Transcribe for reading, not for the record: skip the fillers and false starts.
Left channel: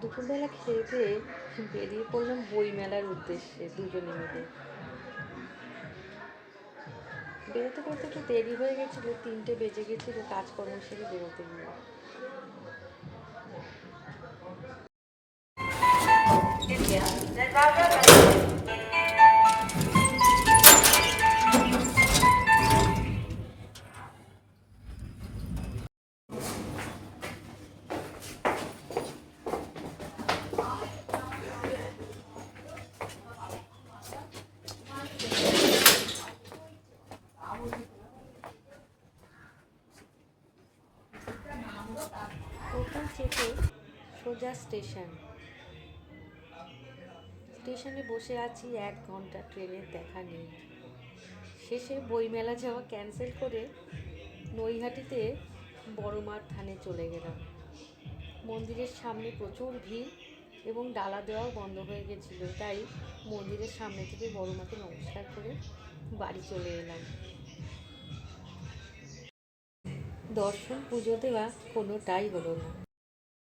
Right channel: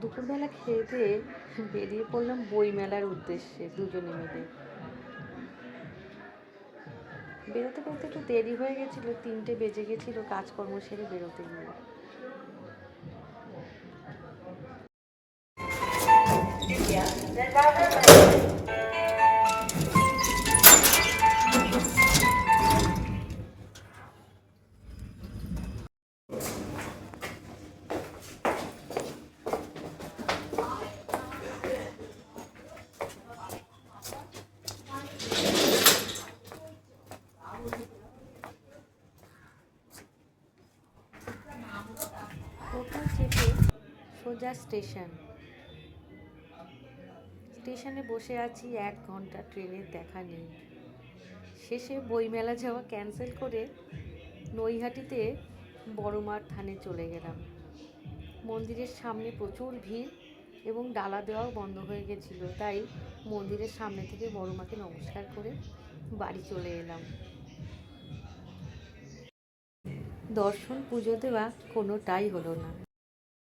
দুপুরবেলা খেয়ে দিয়ে বেরিয়ে পড়লাম বইমেলার উদ্দেশ্যে দুজনে মিলে। বেরোতে বেরোতে একটু দেরি হয়ে গেছিলো, 3টে বেজে গেছিলো কাজকর্ম সেরে বেরোতে গিয়ে। ওখান থেকে সোজা স্টেশনে বসে আছি, 1 ঘন্টা ট্রেনের দেখা নেই। শেষে বইমেলা যাওয়া ক্যান্সেল করে নৈহাটিতে বড়মার থানে চলে গেলাম। মন্দিরের সামনে প্রচুর ভিড় এবং ডালা দেওয়াও বন্ধ হয়ে গেছিলো, তাই মন্দিরের সামনে থেকে বড়মাকে নমস্কার করে বাড়ি চলে এলাম। দর্শন পুজো দেওয়া কোনোটাই হলো না।